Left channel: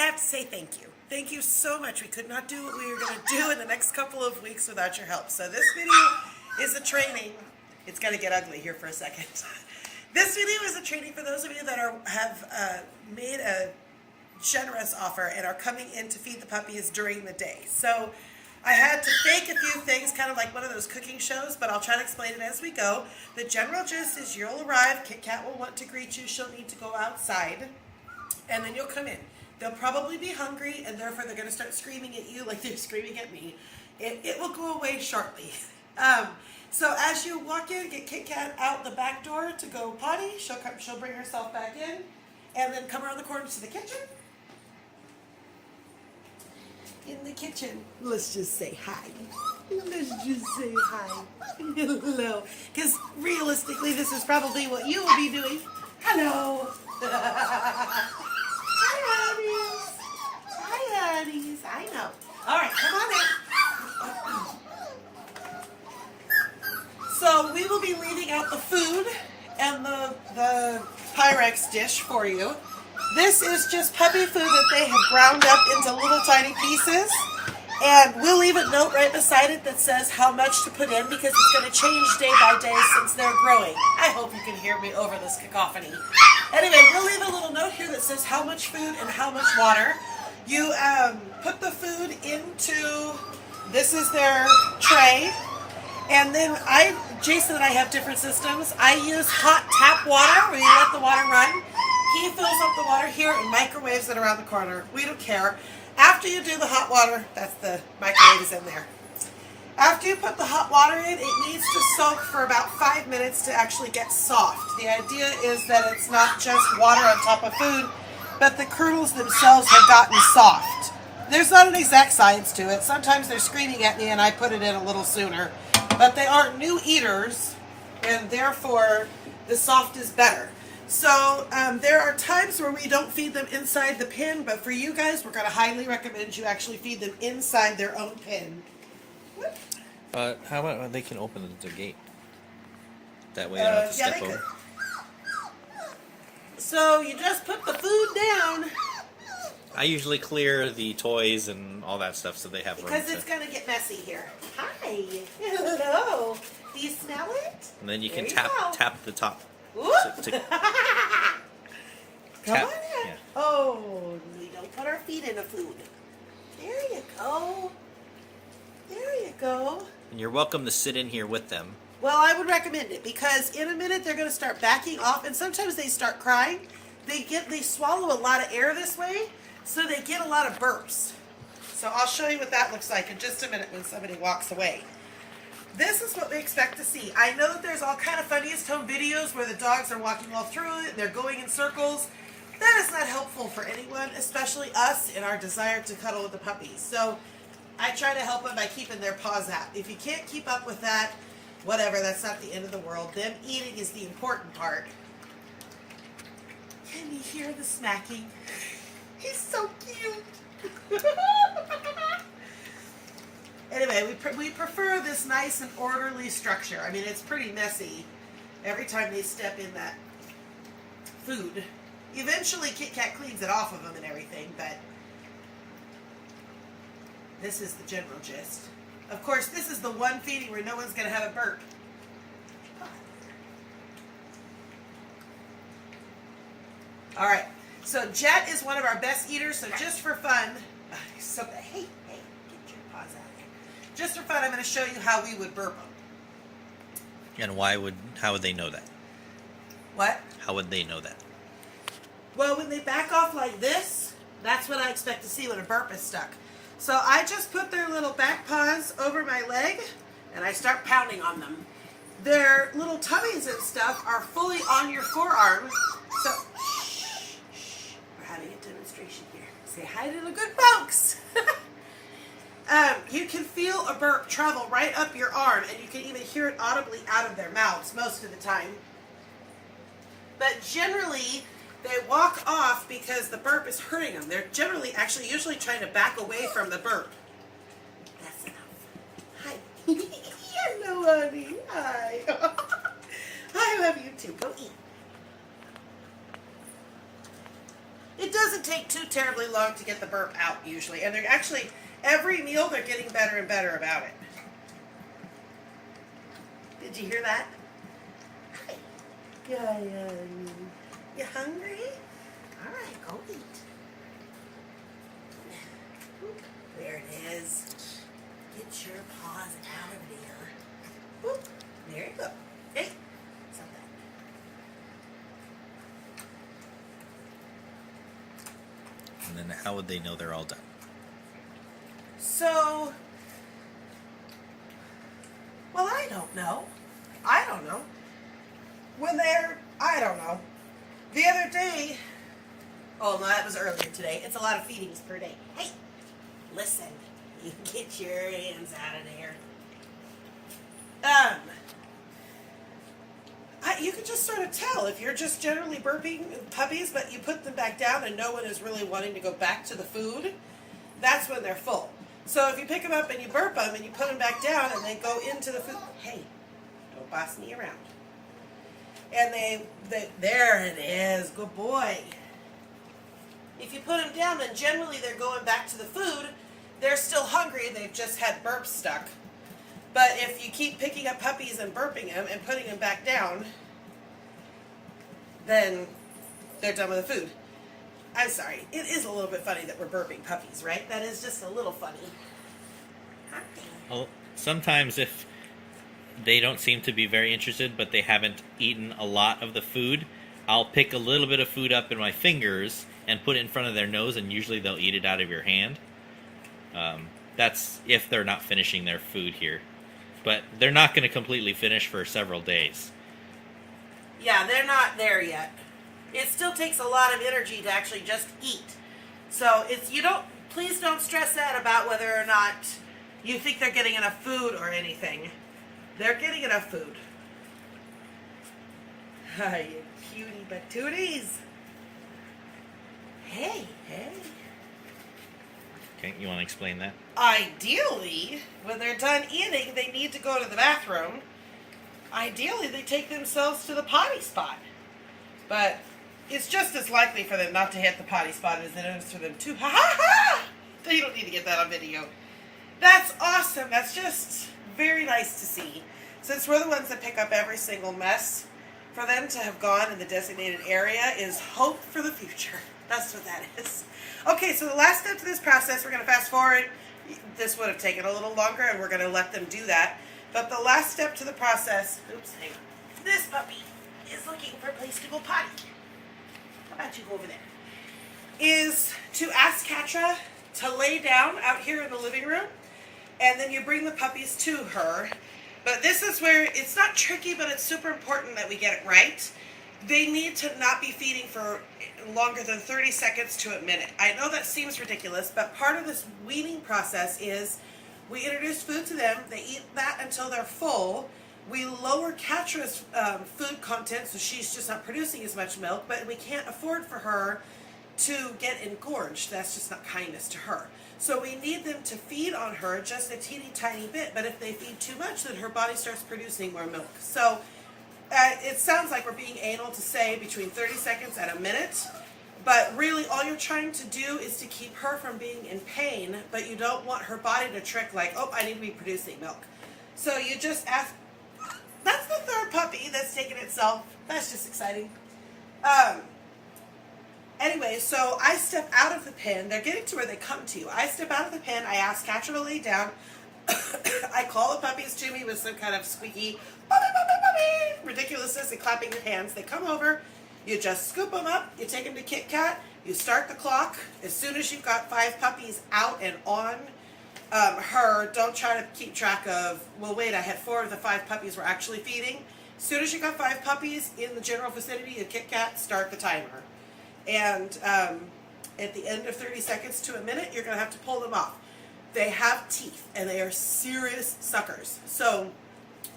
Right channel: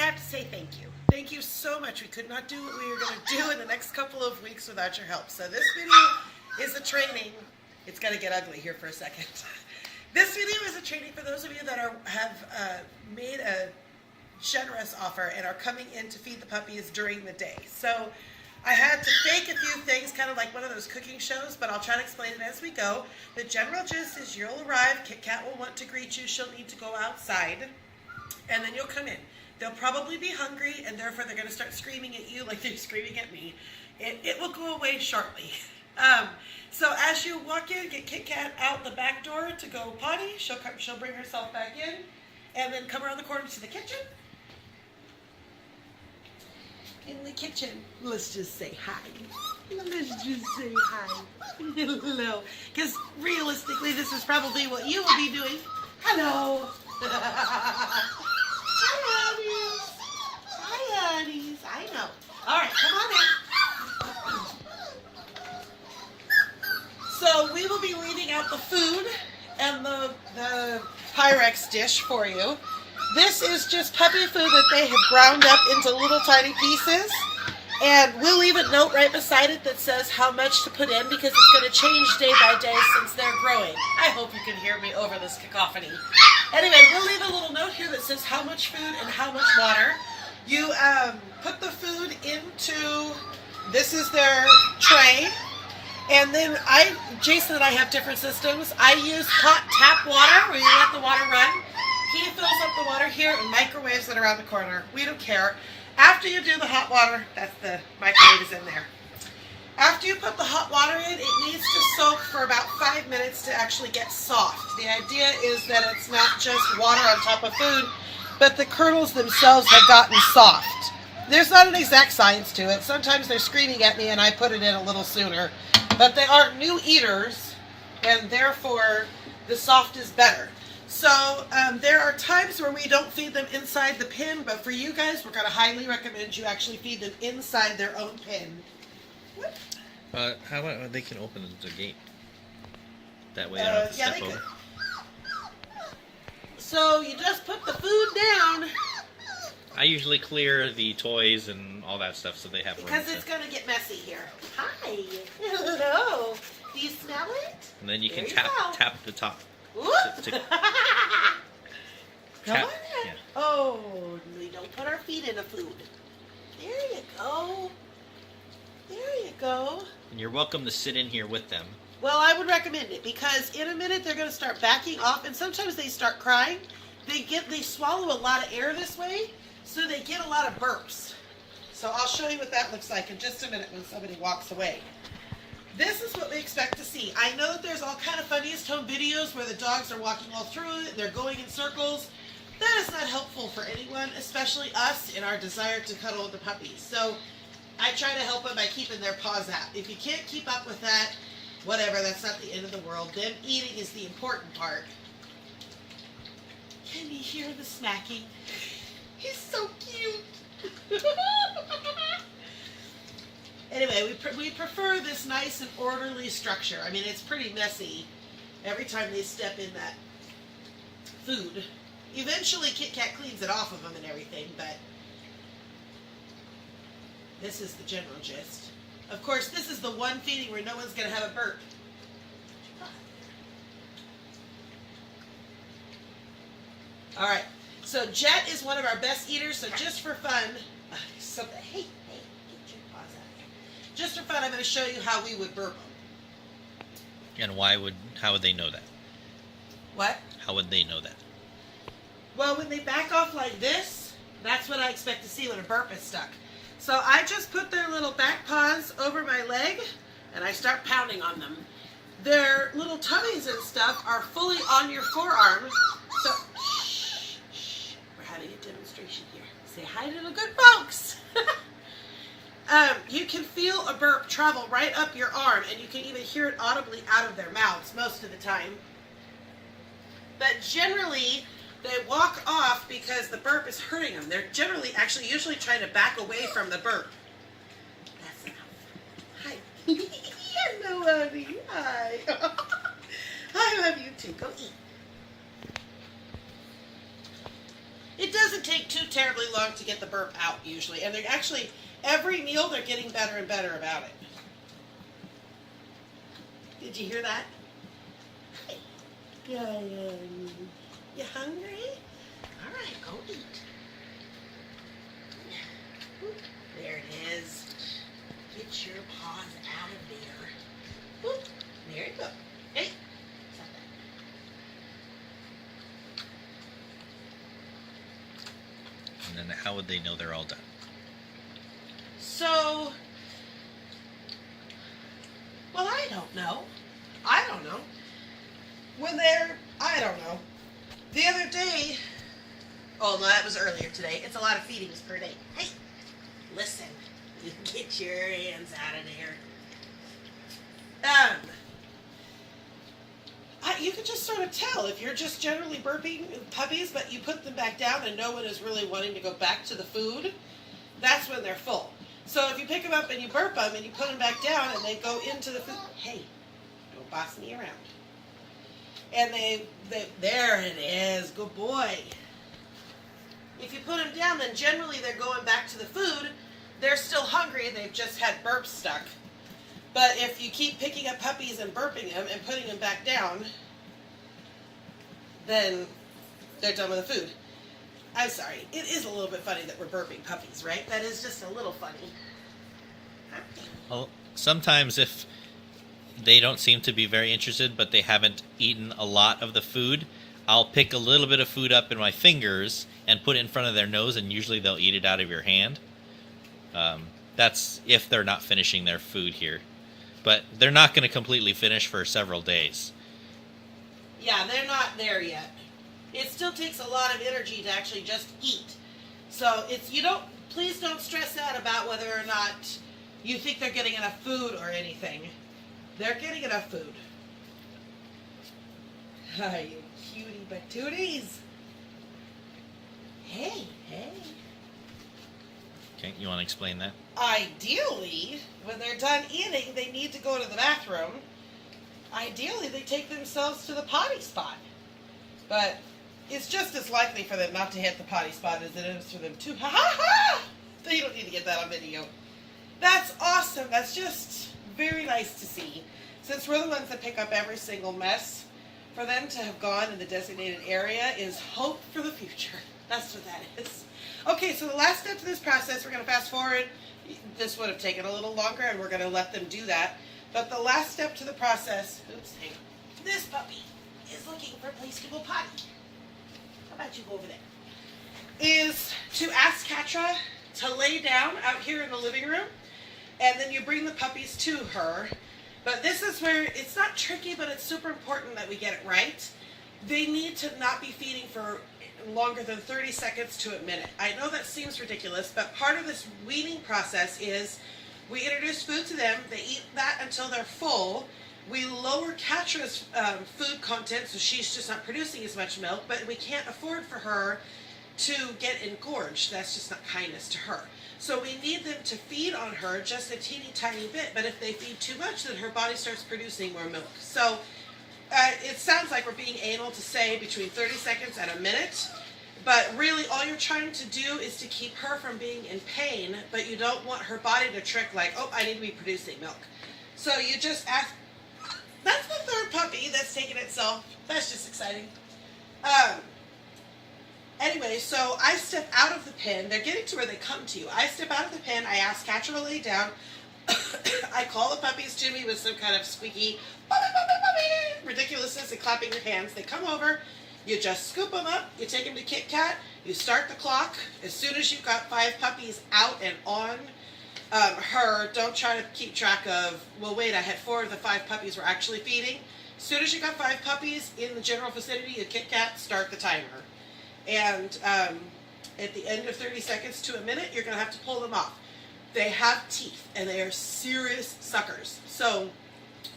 have to say thank you. Thank you so much. We could not do what we were going to do in the next couple of weeks without your help. So this video is a training. It's going to get ugly here for a second. This video is a training for those of you that have made a generous offer and are coming in to feed the puppies during the day. So I had to fake a few things, kind of like one of those cooking shows, but I'll try to explain it as we go. The general gist is you'll arrive, Kit Kat will want to greet you, she'll need to go outside, and then you'll come in. They'll probably be hungry, and therefore they're going to start screaming at you like they're screaming at me. It will go away shortly. So as you walk in, get Kit Kat out the back door to go potty. She'll bring herself back in, and then come around the corner to the kitchen. In the kitchen, let's just say hi. Let's just say hi. Hello. Because realistically, this is probably what you will be doing. Hello. Hi, honey's. Hi, honey's. I know. All right, come on in. So we will be leaving out the food and the Pyrex dish for you. This is just puppy food that they have ground up into little tiny pieces. And we'll leave a note right beside it that says how much to put in because it's going to change day by day since they're growing. I hope you can hear me over this cacophony. Anyway, we'll leave a little note here that says how much food and how much water. You put the food into, this is their tray. And then Jason and I have different systems. I use hot tap water where you let the water run. He fills up the water here and microwaves it around the corner. We don't care. After you do the hot water, that's the microwave is in there. After you put the hot water in, it needs to soak for about 5 minutes to actually get soft. The idea is that it's not just water on top of food, but the kernels themselves have gotten soft. There's not an exact science to it. Sometimes they're screaming at me and I put it in a little sooner. But they aren't new eaters, and therefore the soft is better. So there are times where we don't feed them inside the pen, but for you guys, we're going to highly recommend you actually feed them inside their own pen. How about they can open the gate? That way they don't have to step over. So you just put the food down. I usually clear the toys and all that stuff so they have room. Because it's going to get messy here. Hi. Hello. Do you smell it? And then you can tap the top. Come on in. Yeah. Oh, we don't put our feet in the food. There you go. There you go. And you're welcome to sit in here with them. Well, I would recommend it because in a minute they're going to start backing off, and sometimes they start crying. They swallow a lot of air this way, so they get a lot of burps. So I'll show you what that looks like in just a minute when somebody walks away. This is what we expect to see. I know that there's all kind of funniest home videos where the dogs are walking all through it and they're going in circles. That is not helpful for anyone, especially us in our desire to cuddle with the puppies. So I try to help them by keeping their paws out. If you can't keep up with that, whatever, that's not the end of the world. Them eating is the important part. Can you hear the smacking? He's so cute. Anyway, we prefer this nice and orderly structure. I mean, it's pretty messy every time they step in that food. Eventually, Kit Kat cleans it off of them and everything, but this is the general gist. Of course, this is the one feeding where no one's going to have a burp. All right, so Jet is one of our best eaters, so just for fun, hey, get your paws out here. Just for fun, I'm going to show you how we would burp them. And how would they know that? What? How would they know that? Well, when they back off like this, that's what I expect to see when a burp is stuck. So I just put their little back paws over my leg, and I start pounding on them. Their little tummies and stuff are fully on your forearm. So, shh, we're having a demonstration here. Say hi to the good folks. You can feel a burp travel right up your arm, and you can even hear it audibly out of their mouths most of the time. But generally, they walk off because the burp is hurting them. They're usually trying to back away from the burp. That's enough. Hi. Hello, honey. Hi. I love you too. Go eat. It doesn't take too terribly long to get the burp out usually. And they're actually, every meal they're getting better and better about it. Did you hear that? Yeah. You hungry? All right, go eat. There it is. Get your paws out of there. Whoop. There you go. Hey. Stop that. And then how would they know they're all done? So, well, I don't know. I don't know. The other day, oh no, that was earlier today. It's a lot of feedings per day. Hey, listen, you get your hands out of there. You can just sort of tell if you're just generally burping puppies, but you put them back down and no one is really wanting to go back to the food. That's when they're full. So if you pick them up and you burp them and you put them back down and they go into the food, hey, don't boss me around. And there it is, good boy. If you put them down, then generally they're going back to the food. They're still hungry, they've just had burps stuck. But if you keep picking up puppies and burping them and putting them back down, then they're done with the food. I'm sorry, it is a little bit funny that we're burping puppies, right? That is just a little funny. Well, sometimes if they don't seem to be very interested, but they haven't eaten a lot of the food, I'll pick a little bit of food up in my fingers and put it in front of their nose, and usually they'll eat it out of your hand. That's if they're not finishing their food here. But they're not going to completely finish for several days. Yeah, they're not there yet. It still takes a lot of energy to actually just eat. So please don't stress out about whether or not you think they're getting enough food or anything. They're getting enough food. Hi, you cutie patooties. Hey. Okay, you want to explain that? Ideally, when they're done eating, they need to go to the bathroom. Ideally, they take themselves to the potty spot. But it's just as likely for them not to hit the potty spot as it is for them to. You don't need to get that on video. That's awesome. That's just very nice to see. Since we're the ones that pick up every single mess, for them to have gone in the designated area is hope for the future. That's what that is. Okay, so the last step to this process, we're going to fast forward. This would have taken a little longer, and we're going to let them do that. But the last step to the process, oops, hang on. This puppy is looking for a place to go potty. How about you go over there? Is to ask Katra to lay down out here in the living room, and then you bring the puppies to her. But this is where it's not tricky, but it's super important that we get it right. They need to not be feeding for longer than 30 seconds to a minute. I know that seems ridiculous, but part of this weaning process is we introduce food to them, they eat that until they're full, we lower Katra's food content so she's just not producing as much milk, but we can't afford for her to get engorged. That's just not kindness to her. So we need them to feed on her just a teeny tiny bit, but if they feed too much, then her body starts producing more milk. So it sounds like we're being able to say between 30 seconds and a minute, but really all you're trying to do is to keep her from being in pain, but you don't want her body to trick like, oh, I need to be producing milk. So you just ask, that's the third puppy that's taken itself. That's just exciting. Anyway, so I step out of the pen. They're getting to where they come to. I step out of the pen. I ask Katra to lay down. I call the puppies to me with some kind of squeaky ridiculousness and clapping your hands. They come over. You just scoop them up. You take them to Kit Kat. You start the clock. As soon as you've got 5 puppies out and on her, don't try to keep track of, well, wait, I had 4 of the 5 puppies were actually feeding. As soon as you got 5 puppies in the general vicinity of Kit Kat, start the timer. And at the end of 30 seconds to a minute, you're going to have to pull them off. They have teeth, and they are serious suckers. So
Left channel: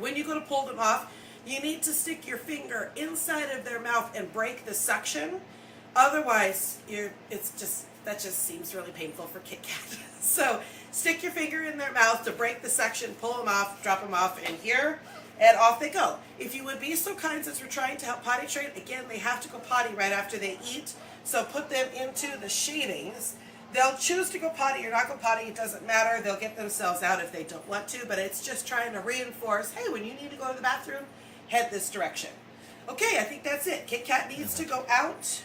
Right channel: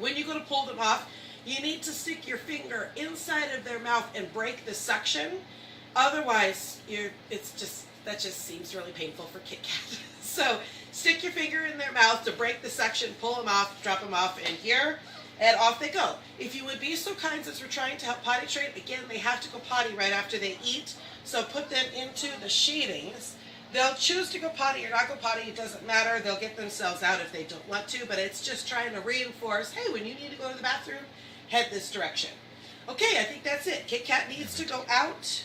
when you go to pull them off, you need to stick your finger inside of their mouth and break the suction. Otherwise, that just seems really painful for Kit Kat. So stick your finger in their mouth to break the suction, pull them off, drop them off in here, and off they go. If you would be so kind, since we're trying to help potty train, again, they have to go potty right after they eat. So put them into the sheathings. They'll choose to go potty or not go potty. It doesn't matter. They'll get themselves out if they don't want to, but it's just trying to reinforce, hey, when you need to go to the bathroom, head this direction. Okay, I think that's it. Kit Kat needs to go out.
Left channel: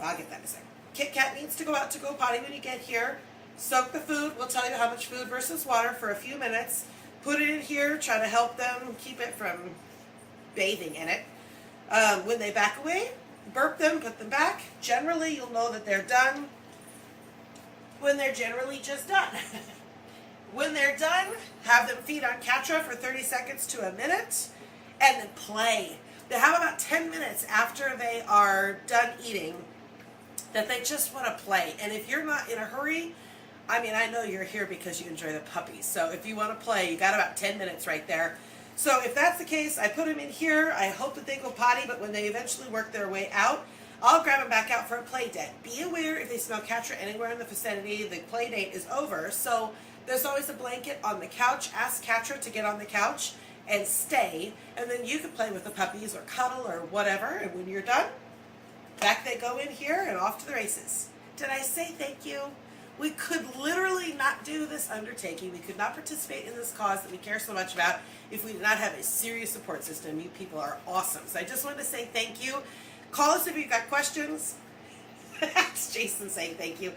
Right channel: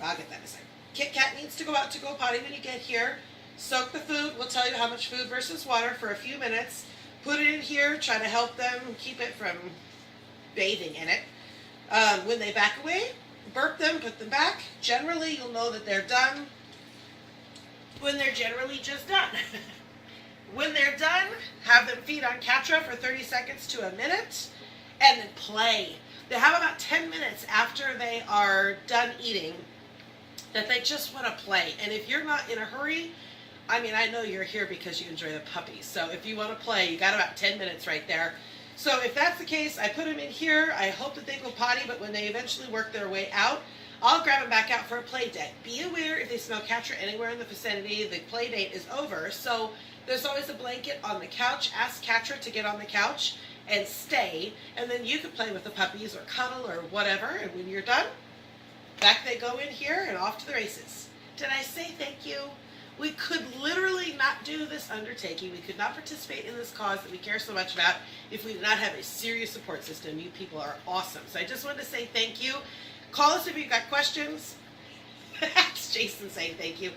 I'll get that in a second. Kit Kat needs to go out to go potty when you get here. Soak the food. We'll tell you how much food versus water for a few minutes. Put it in here. Try to help them keep it from bathing in it. When they back away, burp them, put them back. Generally, you'll know that they're done when they're generally just done. When they're done, have them feed on Katra for 30 seconds to a minute, and then play. They have about 10 minutes after they are done eating that they just want to play. And if you're not in a hurry, I mean, I know you're here because you enjoy the puppies. So if you want to play, you got about 10 minutes right there. So if that's the case, I put them in here. I hope that they go potty, but when they eventually work their way out, I'll grab them back out for a play date. Be aware if they smell Katra anywhere in the vicinity, the play date is over. So there's always a blanket on the couch. Ask Katra to get on the couch and stay, and then you can play with the puppies or cuddle or whatever, and when you're done, back they go in here and off to the races. Did I say thank you? We could literally not do this undertaking. We could not participate in this cause that we care so much about if we did not have a serious support system. You people are awesome. So I just wanted to say thank you. Call us if you've got questions. That's Jason saying thank you.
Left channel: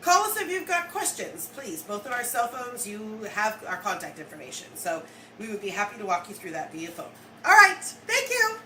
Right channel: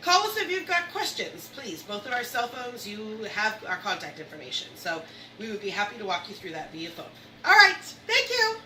Call us if you've got questions, please. Both of our cell phones, you have our contact information. So we would be happy to walk you through that via phone. All right. Thank you.